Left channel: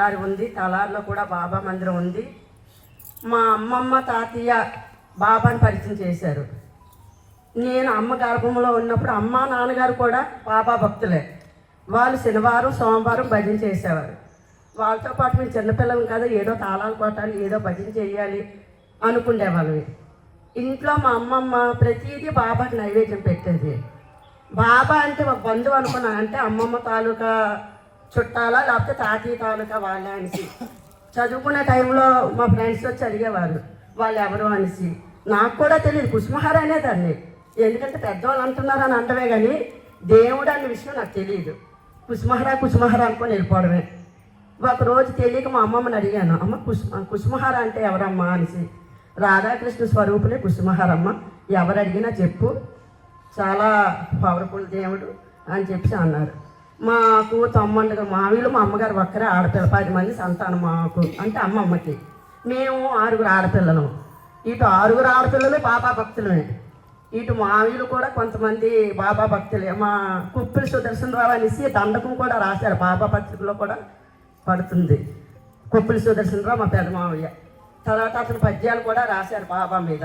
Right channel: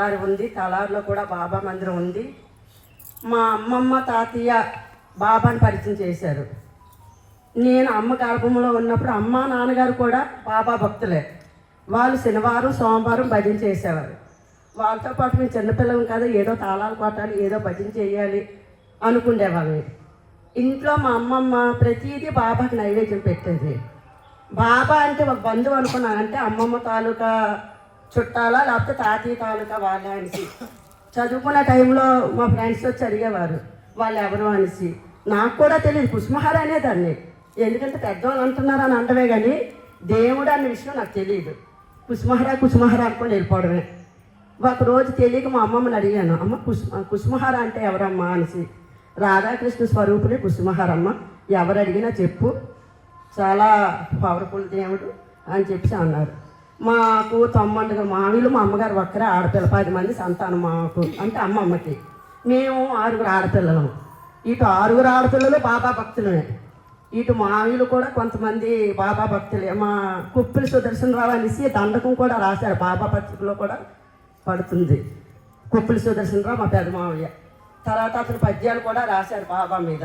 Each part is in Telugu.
తలారి ఉంది తలారిలో కూడా బాబా మందిరం ఉంది. మా అమ్మమ్మ తాతయ్య బాబాని పరిచయం చేశారు. నేను అమ్మ గర్భంలో ఉన్నప్పుడు అమ్మ నాన్నగారు కూడా బాబా భక్తులే. వాళ్ళు శనివారం సోమవారం భజన చేసేవారు. వాళ్ళతో పాటు మేము చిన్నపిల్లలం కదా ఏదో తాళాలు కొట్టాలి ఏదో భజన చేయాలి అనుకునేవాళ్ళం ఇంట్లో మా అమ్మమ్మ ప్రతిదీ బాబాకి నైవేద్యం పెట్టేది. బాబా అంటే ఒక బంధువు అనుకున్నాను. అంటే అమ్మమ్మ తాలూకా చుట్టాలా లేకపోతే తాతయ్య తాలూకా వాళ్ళ అనేసి. చదువుకున్న టైంలో మా ఫ్రెండ్స్ వచ్చి అడిగేవారు వాళ్ళు ఎవరు అనేసి. నాకు కూడా తెలియదు. కుసుమహార అనేదాన్ని. ఎందుకంటే పెద్దవాళ్ళు అంటున్నారు అని అంటవే కానీ దేవుడు అనే విషయం నాకు తెలియదు. కుసుమహార కుసుమహార అనుకుని వెళ్ళిపోవడమే. ఒక రోజు తెలియక మా అమ్మమ్మని అడిగాను అమ్మ కుసుమ కుసుమహార అంటే ఎవరమ్మా? అనేసి. రాధాకృష్ణ స్వరూపుడే కుసుమహారమ్మ. ఎవరు అడిగినా చెప్పు. చాలా పవర్ఫుల్ దేవుడు అని చెప్పి అన్నారు. మాకు తమ్ముళ్ళు మామీలు మా అమ్మగారు ఒక్కరే ఆడపిల్ల పది మంది సంతానం మాకు. అంటే అమ్మమ్మకి. మేము ఆరుగురు ఆడపిల్లలం. ఇటు ఆరుగురు ఆడపిల్లలు బాబా భక్తులమే. ఇటు మామీలు కూడా కొంతమంది బాబా భక్తులే. మా కుప్పిలి సుదర్శనరావు అనేసి దండకం కూడా రాశారు. బాబా పత్రికలో కూడా పడుతుంది. కుప్పిలి సుదర్శనరావు మా పెద్ద మావయ్య. తర్వాత అతను పద్యాలు కూడా రాశారు బాబా మీద.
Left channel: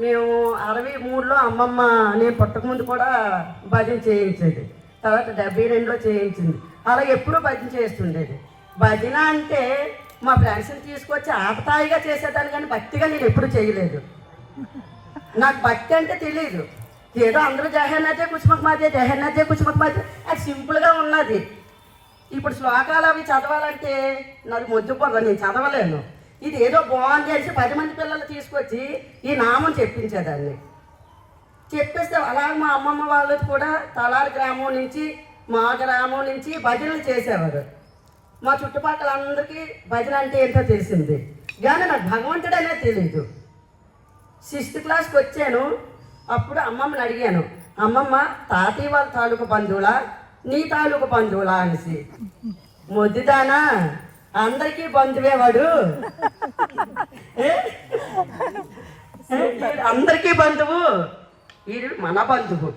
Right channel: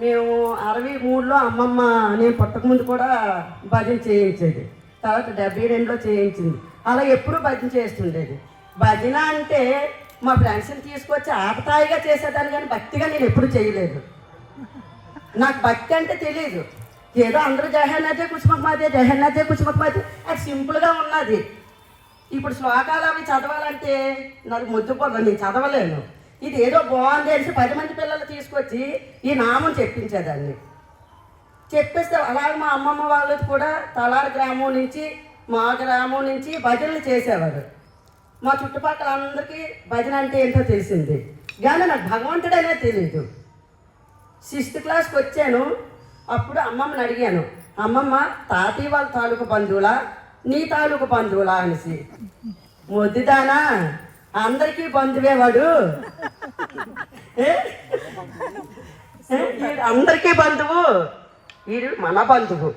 మేము అరవై మూడులో అమ్మమ్మ నేను పుట్టకముందు కూడా భజన చేయించేది. తర్వాత డెబ్బై రెండులో చేయించింది. అలా ఎప్పుడూ భజన చేస్తుండేది. భజన అంటే మా ఫ్రెండ్స్ని తీసుకొచ్చి ఆపతాయిగా చేసేదాన్ని కానీ భక్తిగా నేను ఎప్పుడు చేయలేదు. నాకు భక్తి అంటే తెలియదు ఏదో అందరూ జహన్నదే కుసుమకు మాదే జహన్నదే కుసుమకు మాదే. అది సింపుల్గా ఉన్నది. ఇప్పుడు శ్లోకాలు అవి చదవాలంటే నాకు ముద్దుపోదు నేను చదవలేను. ఇది ఏదో బాగుంది అనేసి పది మంది పిల్లలు తీసుకొచ్చి ఈ నామం చెప్పించేదాన్ని. చెప్పేస్తే. అలాగే మా అమ్మమ్మ వాళ్ళకి కూడా తలారి గ్రామం నుంచి మా గ్రామం నుంచి భజనలు చేసేవారు. మా చుట్టుపక్కల అందరికీ భజన అంటే ఏంటో తెలిసింది. కానీ నాకు భగవంతుడనే తెలియదు సిక్స్త్ క్లాస్కి వచ్చాను. అప్పుడు అమ్మమ్మని అడిగాను. అమ్మమ్మ తాతయ్య వాళ్ళ తాలూకు బంధువులా? నీ తాలూకు బంధువులా అనేసి. మొద్దుదానా? అందరికీ బంధువే వాడు. అందరికీ బంధువు. వీడు మన బంధువు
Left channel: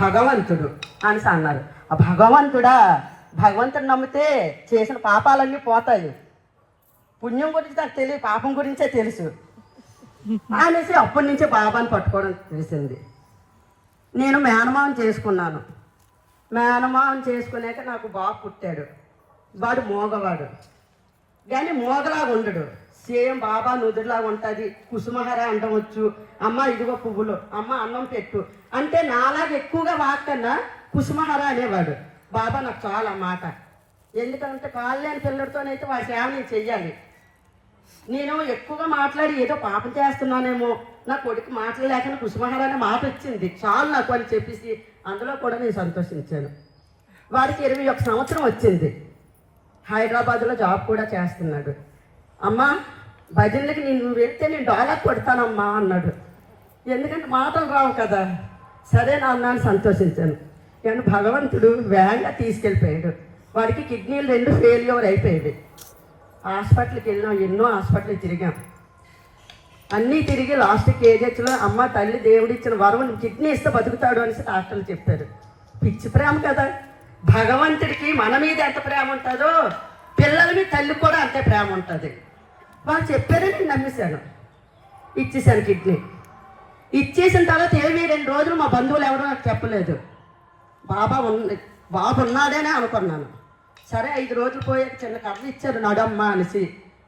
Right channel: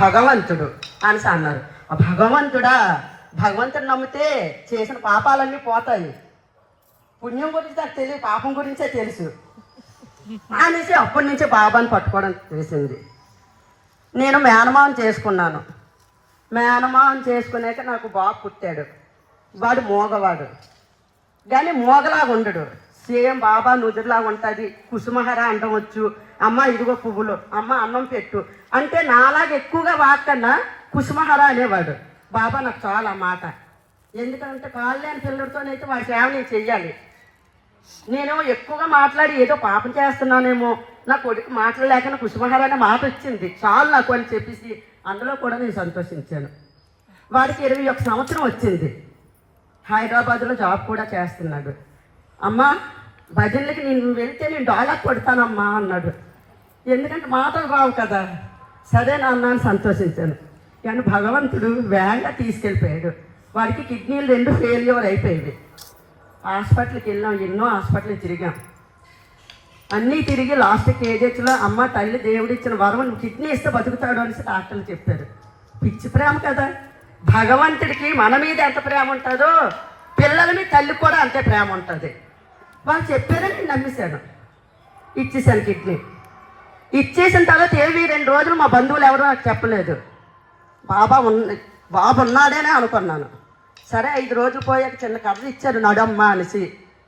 భగవంతుడు అనేసి అన్నారు. ఆ భగవంతుడా భగవంతుడు నమ్మితే చేసిన పాపాలన్నీ పోతాయి. పుణ్యం గురించి నాకు తెలియదు పాపం గురించే తెలుసు. అనేసి అప్పటి నుంచే బాబాని పట్టుకోవడం తెలిసింది. నేను మేనమావం చేసుకున్నాను. మేనమావం చేసుకునేక నాకు బాబు పుట్టాడు. వాడు మోగవాడు. కానీ మోగలాగా ఉండడు సేమ్ బాబా నుదురులాగా ఉంటుంది. కుసుమహర అండం వచ్చు అమ్మ ఇదిగో పువ్వులు. అమ్మ అన్నం పెట్టు. అంటే నాలాగా ఎక్కువగా వాక్కన్నా కుసుమహర అనేవాడు. బాబా నాకు చాలా మాట. ఎందుకంటే కాళ్ళు లేని పిల్లడితోనైతే వాడి సేవ నేను చెయ్యాలి. నేను ఎక్కువగా మాట్లాడి ఏదో పాపం చేస్తున్నానేమో. నా కొడుకు మాట్లాడలేక కుసుమహర అనే మాట వచ్చింది. చాలు నాకు అని చెప్పేసి అందులో కూడా నేను సంతోషించాను. వాడికి ఇరవై ఒక సంవత్సరం వచ్చింది. హైదరాబాద్లో జాబ్ కూడా చేస్తున్నాడు. అమ్మా భజనలకి నేను వెళ్తే నేను డాలర్ కొడతానమ్మా అన్నాడు. ఎందుకంటే మాటలు రావు కదా. సరే నాన్న అని సంతోషించాను. కానీ భగవంతుడు వేగంగా తీసుకెళ్ళిపోయాడు. వాడికి కిడ్నీలు రెండు ఫెయిల్యూర్ అయిపోయాయి. హాస్పిటల్కి వెళ్ళాం ఎన్నో హాస్పిటల్ తిరిగాం. అన్నీ తిరిగి లాస్ట్ కేజెస్లో అమ్మ తల్లి దేవుడు ఇచ్చిన వరం కిడ్నీ ఇస్తే బతుకుతాడు అనేసి డాక్టర్లు చెప్పారు. పిచ్చి ప్రేమ కదా. భగవంతుడికి మన మీద ఎంత ప్రేమ ఉంటుందో పిల్లల మీద తల్లి కూడా అంతే ప్రేమ ఉంటుంది. వాళ్ళు చెప్పారని నేను నమ్మేశాను. ఇచ్చేసాను కిడ్నీ ఇచ్చేసిన తర్వాత ఏవి రెండు రోజులు మా బంధువులు ఎవరో నాకు చెప్పలేదు. బాబా ఉన్న బాబు ఉన్నాడనే అనుకున్నాను. సరే ఐదు రోజులు పోయాక చిన్న కర్ర ఇచ్చారు నడమ్మ అనేసి.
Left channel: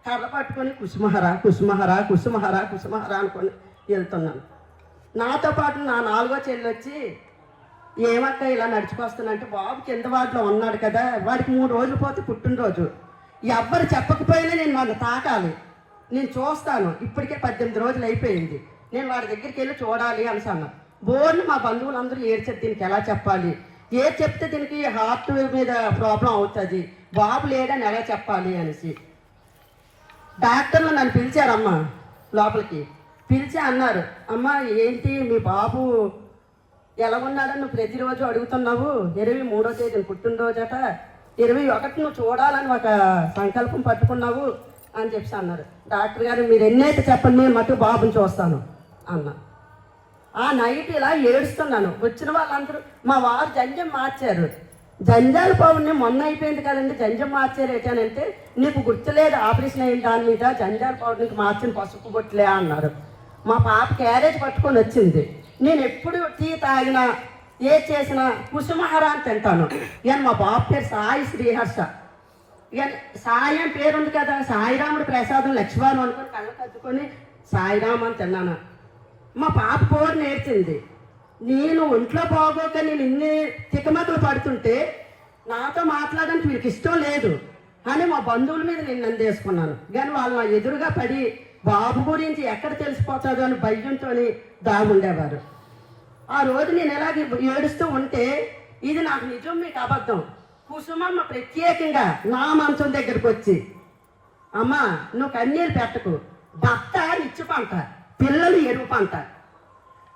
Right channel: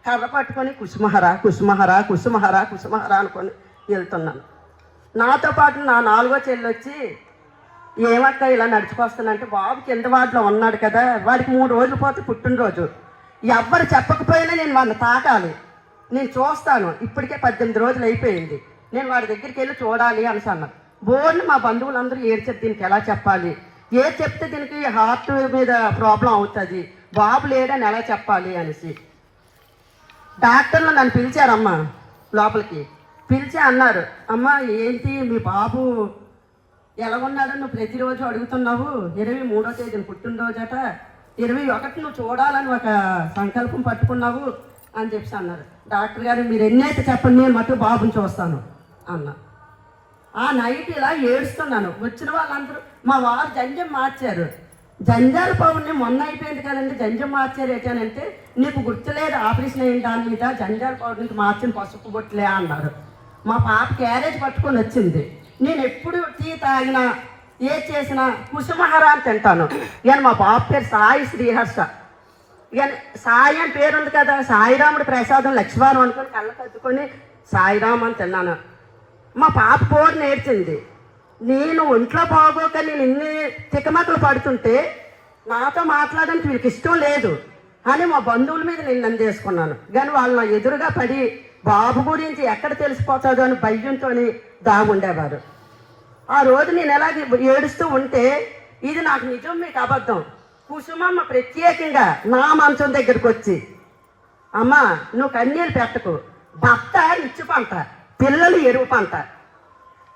కర్ర పట్టుకొని కుసుమహర కుసుమహర కుసుమహర కుసుమహర అనుకొని వెళ్తున్నాను. నాతో పాటు నా నాలుగో చెల్లి వచ్చి ఏమక్క ఇలా నడుచుకొస్తానంటే బాబు కింద వాటిలో ఉన్నాడు కదా వాడికి మూడు రోజులు పోతే పుట్టినరోజు. ఎవ్వరు చెప్పకపోయినా నేను మన తాకాలి. నేను చూస్తాను. ఇప్పటికే పద్దెనిమిది రోజులు అయిపోయింది. నేను వాడి దగ్గరికి వెళ్ళి చూడాలి అని అన్నా బోర్ని మా బంధువులందరూ ఏడ్చారు దీనికి ఎలా చెప్పాలి? ఏది చెప్తే దీనికి హార్ట్ మీద ప్రాబ్లం అవుతుంది? బాబు లేడని ఎలా చెప్పాలి అనేసి. డాక్టర్లు నన్ను పిలిచారమ్మా లోపలికి. పిలిచి అన్నారు అమ్మ ఏంటి మీ బాబు ఎలా ఉన్నాడని నువ్వు ప్రతిరోజు అడుగుతున్నావు? ఇరవై మూడో తేదీన పుట్టినరోజట. ఇరవై ఒకటి నువ్వు చూడాలని ఒక సంకల్పం పట్టుకున్నావు. అని చెప్పి అన్నారు. డాక్టర్ గారు మీరు ఎన్నైతే చెప్పండి నేను మటు బాబుని చూస్తాను అన్నా. ఆ నైట్ ఇలా ఏడుస్తున్నాను. వచ్చిన వాళ్ళందరూ మా వారు జంజం మార్చారు. జంజాల పవన్ని మొన్న అయిపోయింది కదండి జంజం మార్చారు ఏంటంటే నీకు గుర్తులేదు ఆపరేషన్ అయిన దాని మీద జంజాల పవర్ మార్చిన పసుపు బొట్లే అన్నారు. మా పాప క్యారేజ్ పట్టుకొని వచ్చింది. నేను ఎప్పుడు టీ తాగినా ఏ చేసినా కుసుమహారాన్ని తింటాను. నేను మా బాబు పేరు సాయి శ్రీహర్ష. సాయి అని పేరు ఉంది కదా సాయిరాముడి ప్రసాదం లక్ష్మణం అనుకొని కళ్ళ కత్తుకొని సాయిరామ్ అని తిన్నాను. మా పాప కోరు నేర్చింది. నేను ఒంట్లో బాగోక నేను ఇన్ని తికమకలు పడుతుంటే నాతో మాట్లాడడానికి వీరికి ఇష్టం లేదు అని మా బంధువుల మీద నేను నందేసుకున్నాను కానీ వాళ్ళు ఎదురుగా పడి బాబు గురించి ఎక్కడ తెలిసిపోతుందో అని భయంతో దాగుండేవారు ఆ రోజు నేను ఎలాగ ఏడుస్తూ ఉంటే ఇది నాకు నిజం మీకు అబద్ధం. కుసుమమ్మ ప్రత్యేకంగా నా మంచం దగ్గరికి వచ్చి అమ్మా నువ్వు కన్నీరు పెట్టకు. భర్త ఇచ్చు పంట పిల్లలు ఎరువు పంట.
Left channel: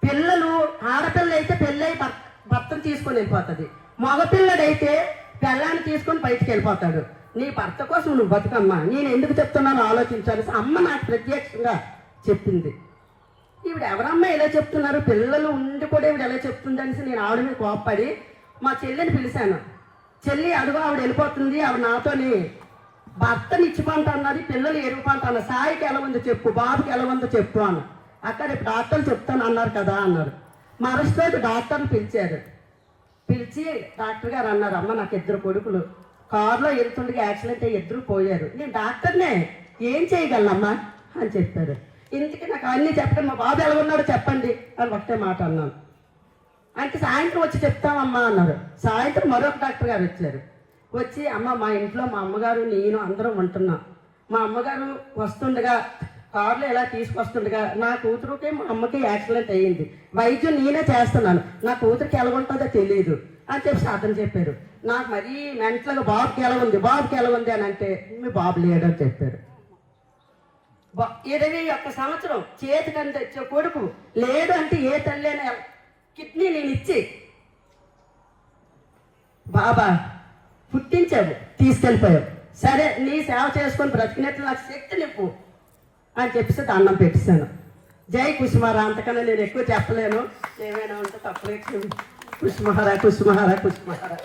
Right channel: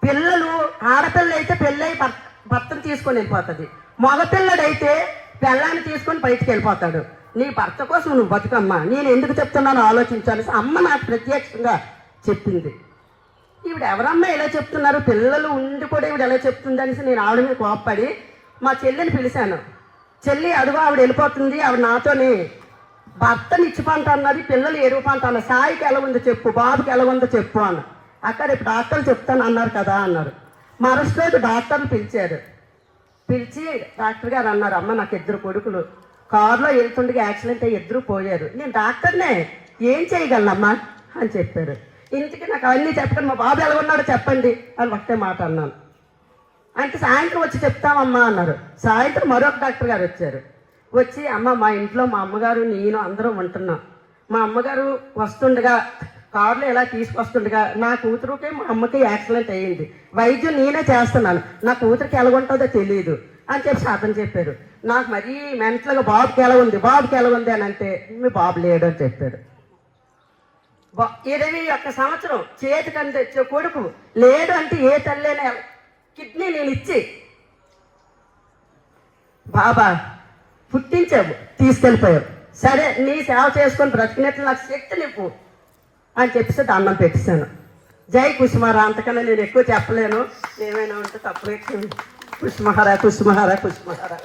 పిల్లలు ఆడపిల్ల అయితే పెళ్ళై భర్త భర్తను తీసుకొని వెళ్ళిపోతుంది. మగపిల్లడైతే పిల్లాన్ని తీసుకొని బయటికి వెళ్ళిపోతాడు. నీ భర్త కోసం నువ్వు బతుకమ్మా. నేను ఎందుకు చెప్తున్నాను ఆలోచించాలి. అమ్మ నాకు ప్రత్యక్షంగా చెప్పింది. ఈవిడ ఎవరమ్మా ఇలా చెప్తున్నారు? పిల్లలు ఉండి కూడా ఈవిడ ఎలా చెప్తుంది అనేసి నేను ఆవిడ మీద కోప్పడి మా చెల్లిని పిలిచాను. చెల్లి అడుగు ఆవిడ వెళ్ళిపోతుంది. ఆవిడ నాతోని భర్తని ఇచ్చి అన్నది పిల్లలు ఎరువు అన్నది సాయికి ఎలా ఉందో చెప్పు బాబుకి ఎలా ఉందో చెప్పు అన్న అక్కడ డాక్టర్లు చెప్తాను అన్నారు కదా అన్నారు. మరుసటి రోజు డాక్టర్ని పిలిచారు. పిలిచి డాక్టర్ గారు అన్నారు అమ్మ నాకు ఇద్దరు కొడుకులు. కారులో వెళ్తుండగా యాక్సిడెంట్ అయ్యి ఇద్దరు పోయారు. నేను డాక్టర్నే ఏం చేయగలనమ్మా? అని చెప్పారు. ఇంటికి నాకు అన్నీ చెప్పండి మా బాబు ఎలా ఉన్నాడో చెప్పండి అని ఒకటే మాట అన్నాను. అంటే సాయంత్రం వచ్చి చెప్తామమ్మా అన్నారు. సాయంత్రం మరొక డాక్టర్ గారు వచ్చారు. వచ్చి అమ్మ మా ఇంట్లో మా అమ్మగారు నేను అందరం ఉంటున్నాం. మా అమ్మగారు వస్తుండగా కారులో ఇలా తీసుకొస్తుండగా నా కూతురుకి మా అమ్మకి యాక్సిడెంట్ అయ్యింది. వైద్యం నేనే చేస్తున్నాను. నా కూతురికి ఎలా ఉంటుందో తెలియదు అని చెప్పి సాధన చెప్పారు. నాకు మరీ మెంటల్గా బాబుకి ఎలా ఉంది? బాబుకి ఎలా ఉంది? అని అంటే మీ బాబు లేడు అని చెప్పాడు. ఇరవై ఒక్క సంవత్సరం చేతికి తెచ్చే కొడుకు లేడు అంటే ఏ తల్లైనా కిడ్నీ నేను ఇచ్చి బాబా పుట్టించావు తీసుకెళ్ళిపోయావు. సరే నీ సేవ చేసుకొని బ్రతికినట్లు నాకు శక్తి నీకు అని చెప్పేసి దండం పెట్టేశాను. జై కుసుమారా అంతకన్నా నేను ఎక్కువ చెప్పలేను. ఏమైనా ఉంటే తప్పులే కుసుమహారా కుసుమహారా కుసుమహారా.